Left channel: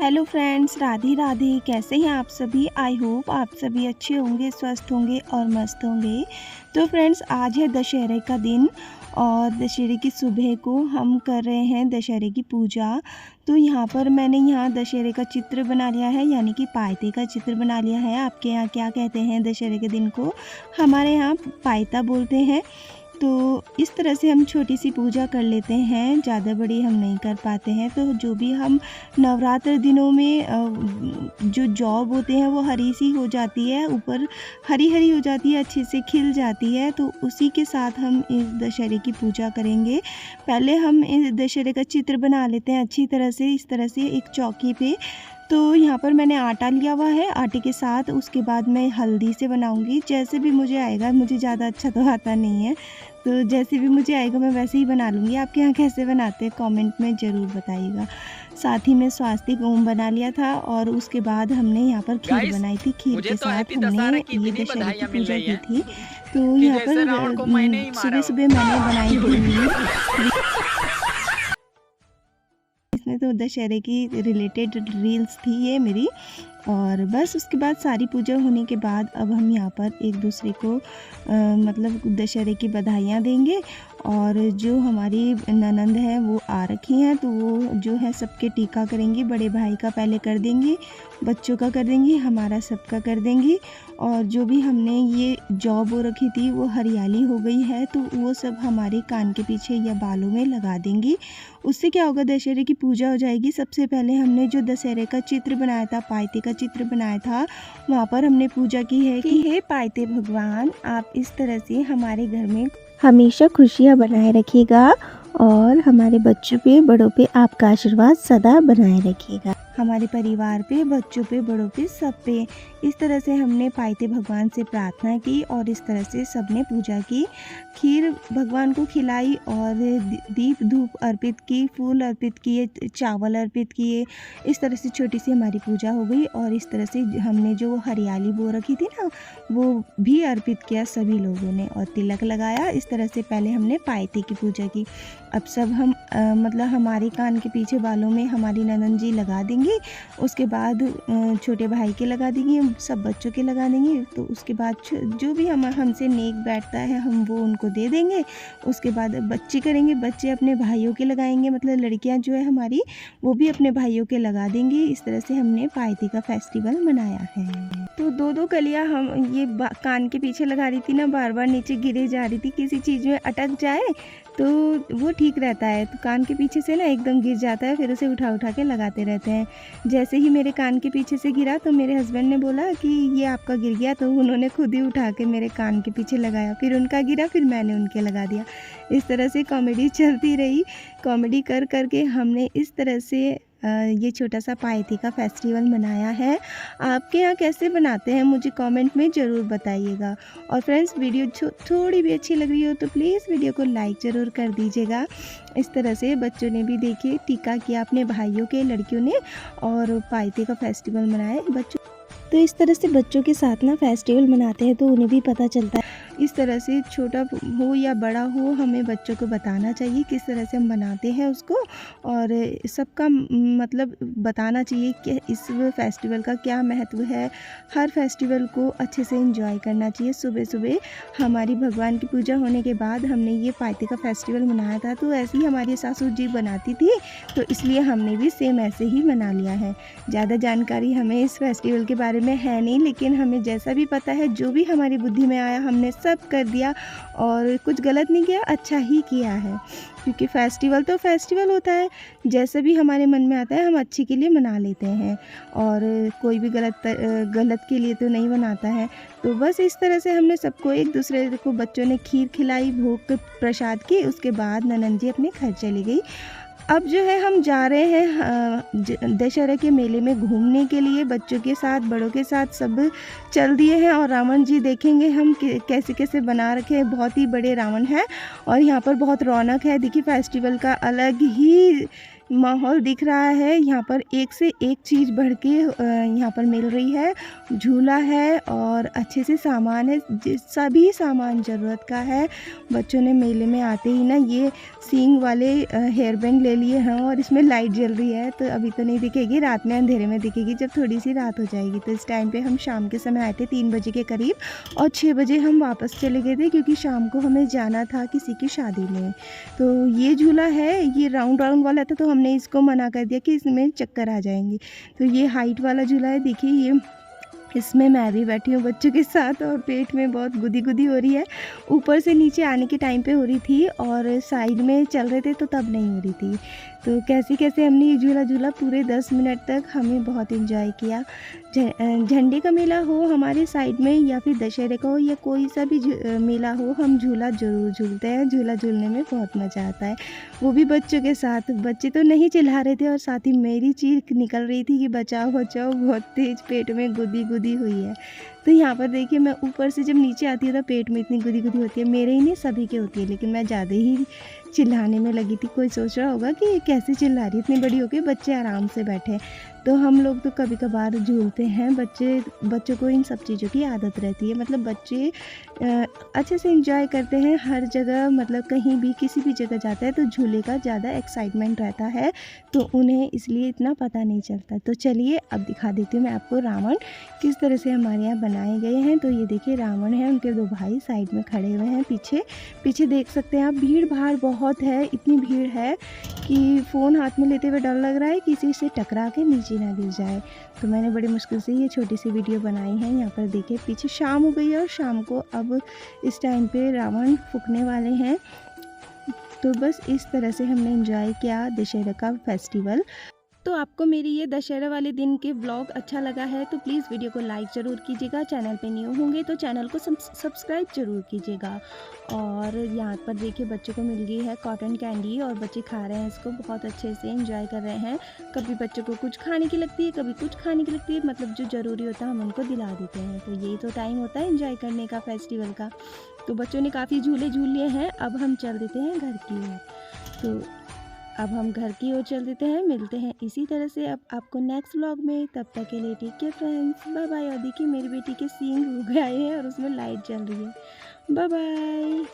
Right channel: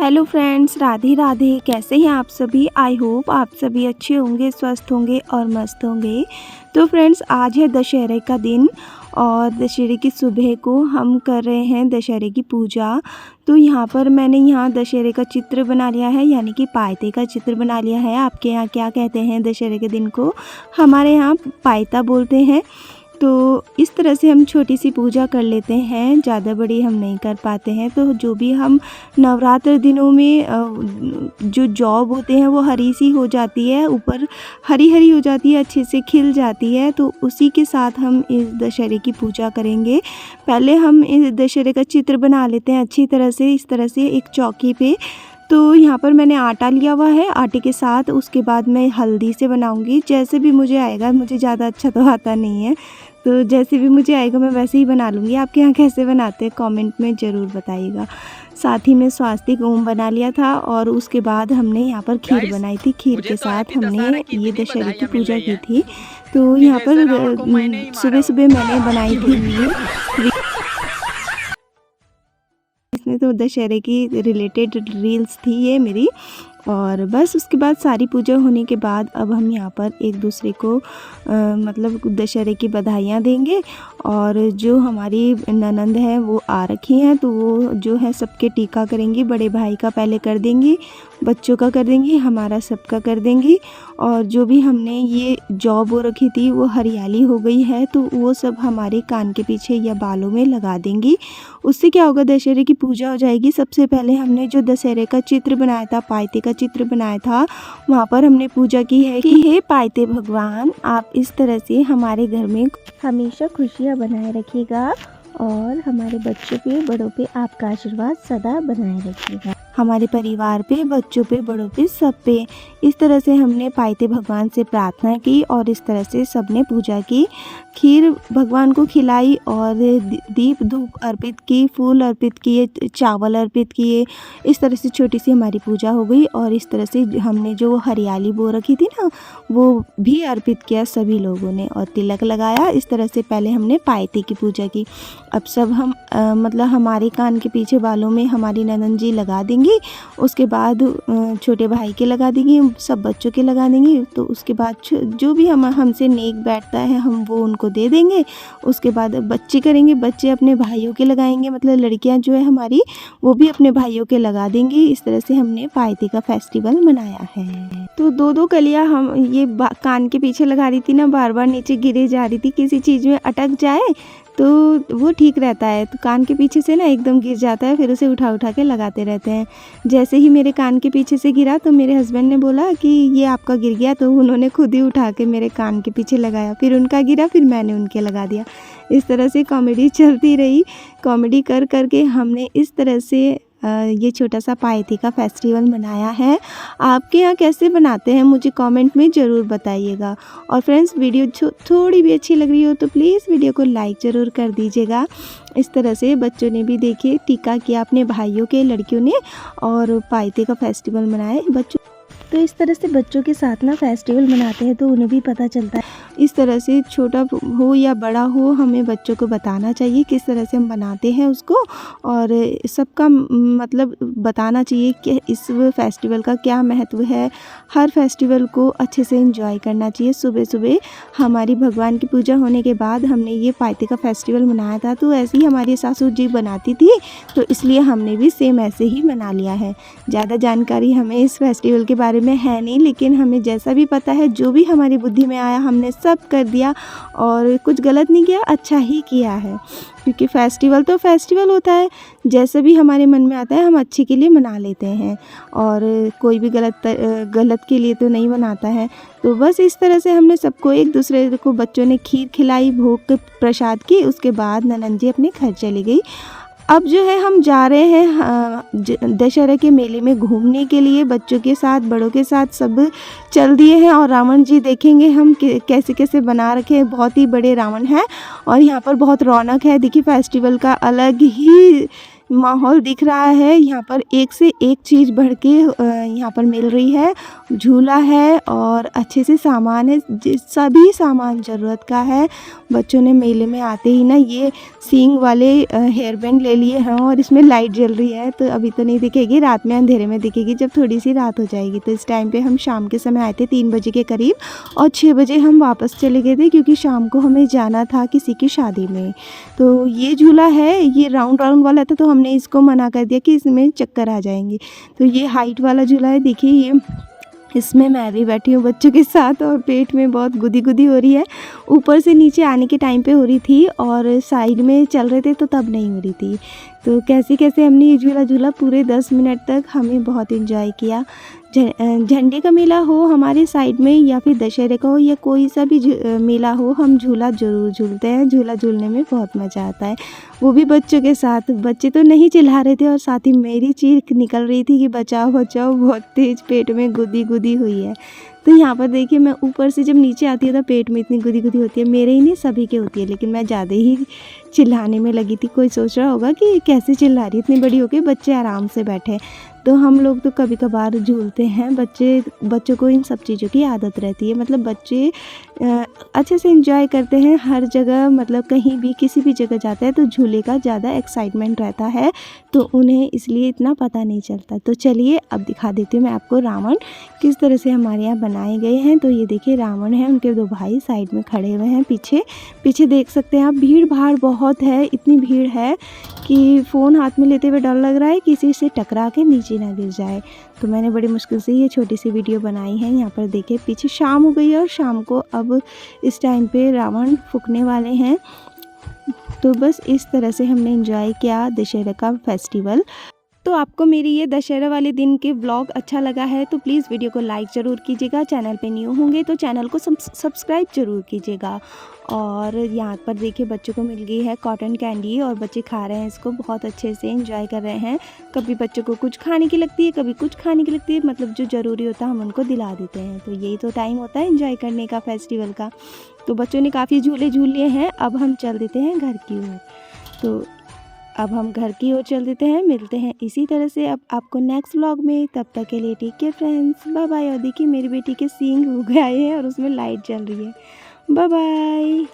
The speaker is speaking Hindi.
Hello friends, Radhe Radhe. कैसे हैं आप सभी? आई होप आप सभी अच्छे होंगे, स्वस्थ होंगे और मस्त होंगे। तो फ्रेंड्स, आज है दशहरे का दिन और दशहरे की सुबह को हम कर रहे हैं दशहरे की पूजा। तो यहाँ पर मैंने यहाँ दशहरे का चित्र बना लिया है, यानी कि पायते का चित्र बना लिया है। आपके यहाँ क्या कहते हैं दशहरे के दिन को? हमारे यहाँ पायता बोलते हैं। तो इस तरह से हम छोटी सी पूजा कर लेते हैं, ज़्यादा बड़ी हम नहीं कर पाते हैं। तो जो भी हम नवरात्र दिनों में जो जॉब होते हैं वो हरी सी हो जाती है, ऊपर हरी हरी हो जाती है, अच्छे से खिल जाती है। तो उसी के साथ हम इस दशहरे की पूजा करेंगे। पहले हम इस दशहरे का चित्र बना लेते हैं अच्छी तरह से, इस तरह से एक चौकी पे। तो यहाँ पर मैंने आटा लिया हुआ है, आटे के साथ उसके बाद मैं हल्दी से बनाऊंगी। जैसे भी मुझे आएगा, मुझे ज़्यादा अच्छा तो आता नहीं है, तो जैसे भी मुझे आएगा मैं वैसे ही बना लूँगी। आपके यहाँ कैसे बनाते हैं कमेंट में ज़रूर बताइएगा। साथ ही में स्वास्तिक ओम बना लिया था और उसके बाद हमने यहाँ पर खीर बनाई थी। खीर के साथ हमने ये दशहरे की पूजा की थी। तो यहाँ पर सुबह सुबह मैंने बनाई थी, इसमें तो दशहरे की रिलेटेड रील्स थी ये मेरी। और बस उसके बाद सारी पूजा होने के बाद अब हम यहाँ पर एक दूसरे को मतलब दशहरे की बधाइयाँ देंगे। और जो हमारी ननंद है वो आ रखी हैं, तो वो जो है सबके टीका करेंगी। बड़े भाई का पहले कर देंगी, बच्चों का कर देंगी, हमारा सबका कर देंगी। और जो भी हमने ये जॉब हो रखी थी वो हरियाली हो गई है, तो वो सब हमारे कान के पीछे या बालों में लगा देंगी। उससे क्या होगा, दशहरे की पूजा हो जाएगी। सबसे पहले हमने जो दशहरे का चित्र बनाया था, पायते का चित्र बनाया था, वहाँ पर हमने पूजा की है कि हे पायते भगवान, आप इस तरह से हमारे घर में हमेशा खुशियाँ बनाए रखिएगा और हमारे बच्चों पे बड़ों पे आपका आशीर्वाद सदा बनाए रखिएगा, हमारे परिवार पे, बच्चों पे, बड़ों पे, सब पे। इस तरह से हमने पायते भगवान से प्रार्थना की और इस तरह से सबने पूजा की। खीर भगवान को खिलाई और दीप धूप अर्पित की, फूल अर्पित किए, चावल अर्पित किए। इस तरह से छोटी सी हमारी पूजा हो गई। और इस तरह से हमने जो हरियाली बो रखी थी ना, वो भी अर्पित किया सभी लोगों ने और तिलक लगाया। इस तरह से पहले हमने पायते की पूजा की। अब सब हम मतलब हमारे कान के पीछे बालों में हमारी ननंद जी लगा देंगी, उसके बाद छोटे भाई के लगा देंगी, सब बच्चों के लगा देंगी। तो उसके बाद जो भी हमसे नेक बैठता है हम वो उनको दे देंगे। उसके बाद बच्चे करेंगे, बच्चे अपने भाइयों के लगाएंगे, मतलब लड़कियां जो है हमारी वो भी अपने भाइयों के लगा देंगी। इस तरह से हमने पायते का फेस्टिवल मनाया है। तो दो दो कलियां हम ये कान के पीछे लगा रही थी ना, बार बार नीचे गिरे जा रही थी, किसी चीज़ में अटक जाए तो वो ठीक रहता है। तो कान के पीछे से ना एकदम गिर जाता है, फिर उसे उठा उठा के लगाते रहते हैं। जैसे ही मेरे कान के पीछे से गिरा तो मेरे हस्बैंड ने बोला कि ये आपका गिर गया, तो उन्होंने खुद ही उठा के मेरे कान के पीछे लगाया। फिर उनका गिरा, फिर मैंने उनके लगा दिया। इस तरह से कॉमेडी चलती रही। कॉमेडी कर कर के हमने इस तरह से ये छोटा सा पायते का फेस्टिवल मनाया है। आपके यहाँ कैसे बनाते हैं मुझे कमेंट में ज़रूर बताइएगा। और फ्रेंड्स, वीडियो थोड़ी भी अच्छी लग रही हो तो प्लीज़ वीडियो को लाइक ज़रूर कर दीजिएगा। इस तरह से बच्चों ने भी देखिए टीका किया अपने भाइयों के, लड़कियों ने, और पायते का फेस्टिवल मनाए बच्चों। तो इस तरह से बच्चों के साथ ना फेस्टिवल मनाते हैं तो उन्हें भी पता चलता है। इस तरह से छोटा हो या बड़ा हो, हमें बच्चों को बताना चाहिए किस तरह से हम बनाते हैं उसको, और सबका मतलब बताना चाहिए कि इस फेस्टिवल का क्या महत्व है। हर फेस्टिवल को अच्छे से एंजॉय करना चाहिए। सुबह सुबह हमारी भगवान की पूजा होने के बाद हमने ये पायते का फेस्टिवल मनाया था। तो ऐसे ही हमारी सासू जी बनाती थी, तो इसलिए हमने भी सेम ऐसे ही मना लिया है। ज़्यादा जानकारी हमें इस फेस्टिवल के बारे में है नहीं, लेकिन हमें जैसा भी पता है, जो भी हमारी बुद्धि में आया हमने सब कर दिया और कुछ गलत नहीं किया, अच्छा ही किया है। क्योंकि फेस्टिवल तो फेस्टिवल होता है, जैसे भी हमारे मन में आता है हम अच्छे के लिए मना लेते हैं, और कोई भी गलत के लिए तो नहीं मनाता है। तो बस इस तरह से हमने सबको, एक दूसरे को, बच्चों ने खीर खिलाई, भोग प्रसाद की। उसके बाद ननंद जी अपने घर चली गई। अब जो है हम जा रहे हैं दशहरा के मेले में घूमने के लिए, बच्चों के साथ, बड़ों के साथ सब चल दिए हैं। और रावण जी देखेंगे हम कैसे कैसे बना रखे हैं। बहुत ही बड़े रावण हैं और यहाँ पर बहुत रौनक है। देखिए फेस्टिवल का अलग ही माहौल दिख रहा है। यहाँ पर एक से एक चीज़ बढ़ के यहाँ पर मिल रही है। झूला है और अच्छे से सामान है, सभी सामान ज़रूरत का है। बच्चों ने मेले में आते ही ना ये सींग वाले हेयर बैंड ले लिए हैं और इसमें लाइट जल रही है, तो अभी तो नहीं दिखेगी, रात में अंधेरे में दिखेगी जब थोड़ी सी रात हो जाएगी। तो इस टाइम पे हम शाम के समय आए थे 3 बजे के करीब और 6 बजे हम वापस चले गए थे क्योंकि शाम को हमें जाना था किसी की शादी में। तो ये झूला है, ये राउंड राउंड वाला था, तो हमने इसको मना कर दिया कि इसमें चक्कर आ जाएंगे। तो ये हाइट वाला झूला है, देखिए ये, इसमें मैं भी बैठी हूँ बच्चों के साथ और पेट में बहुत गुदी गुदी हो रही है। ऊपर से नीचे आने के टाइम पे हो रही थी और साइड में चल रहे थे तो तब नहीं हो रही थी। तो कैसे कैसे हमने ये झूला झूला पूरे 10 मिनट तक, हमें बहुत इन्जॉय किया। झंडे का मेला हो हमारे साइड में या फिर दशहरे का हो या कोई सा भी मेला हो, हम झूला ज़रूर झूलते हैं। झूला झूलने में बहुत मज़ा आता है, वो भी बच्चों के साथ। बच्चे तो नहीं चिल्ला रहे थे और साथ ही मेरी चीख निकल रही थी कि बचाओ बचाओ, बहुत तेज़ पेट में गुदी गुदी हुई है। तो यहाँ पर देखिए, मैं ऊपर से जब नीचे आती हूँ तो पेट में इतनी गुदी गुदी होती है, मेरे ही नहीं सभी के होती है, लेकिन मैं ज़्यादा ही चिल्लाने में लगी थी। कोई सोच रहा होगा कि कैसे चिल्ला रही है, इतनी बड़ी हो गई, बच्चे आराम से बैठे। तो हम लोग तो कभी कभार झूलते हैं, बच्चों को इन सब चीज़ों की आदत रहती है। मतलब बच्चे अच्छे से एंजॉय करते हैं हर जगह, मतलब कहीं भी किसी भी जगह जाते हैं तो झूले का ज़्यादा एक्साइटमेंट रहता है, तो उन्हें इसलिए इतना पता नहीं चलता। तो चलिए अब दिखा देती हूँ मैं आपको रावण किस तरह से हमारे यहाँ बनाए गए हैं। तो ये देखिए रावण है, उनके 2 भाई साइड में खड़े हुए हैं। पीछे पीछे देख सकते हैं आप, भीड़ भाड़ बहुत है, इतनी भीड़ है कि फ़ोन हाथ में लेते हुए डर लग रहा है किसी से टकरा के नीचे ना गिर जाए। तो मैंने बड़ी मुश्किल से ये छोटी सी वीडियो बनाई है। यहाँ पर देखिए पीछे शाम हो गई है और शाम को अब इस टाइम पे रावण फूकने वाले हैं। तो बस इस तरह से हमने एंजॉय किया दशहरा का फेस्टिवल। तो आपको मेरी ये दशहरा वाले दिन के व्लॉग अच्छा लगा है तो प्लीज़ वीडियो को लाइक ज़रूर कीजिएगा। चैनल पे न्यू होंगे तो चैनल को सब्सक्राइब ज़रूर कीजिएगा। और यहाँ पर देखिए बच्चों को मिल गई है कॉटन कैंडी और बच्चे खा रहे हैं इसको, बहुत अच्छे से एंजॉय कर रहे हैं। कभी बच्चों को कुछ खाने की लगती है, कभी कुछ खाने की लगती है, मतलब जो ज़रूरी होता है हम उनको दिला देते हैं। तो यही तो टाइम होता है एंजॉय करने का, फेस्टिवल का। तो बच्चों ने काफ़ी झूले झूल लिए हैं, अब हम चल देते हैं घर की ओर। तो अब हम घर की ओर चल देते हैं, मिलते हैं इसी तरह से अब आपको नेक्स्ट व्लॉग में। तब तक के लिए take care friends, bye bye. और देखिए मेरी बेटी के सींग हो गए हैं और उसमें लाइट जल रही है। Bye bye.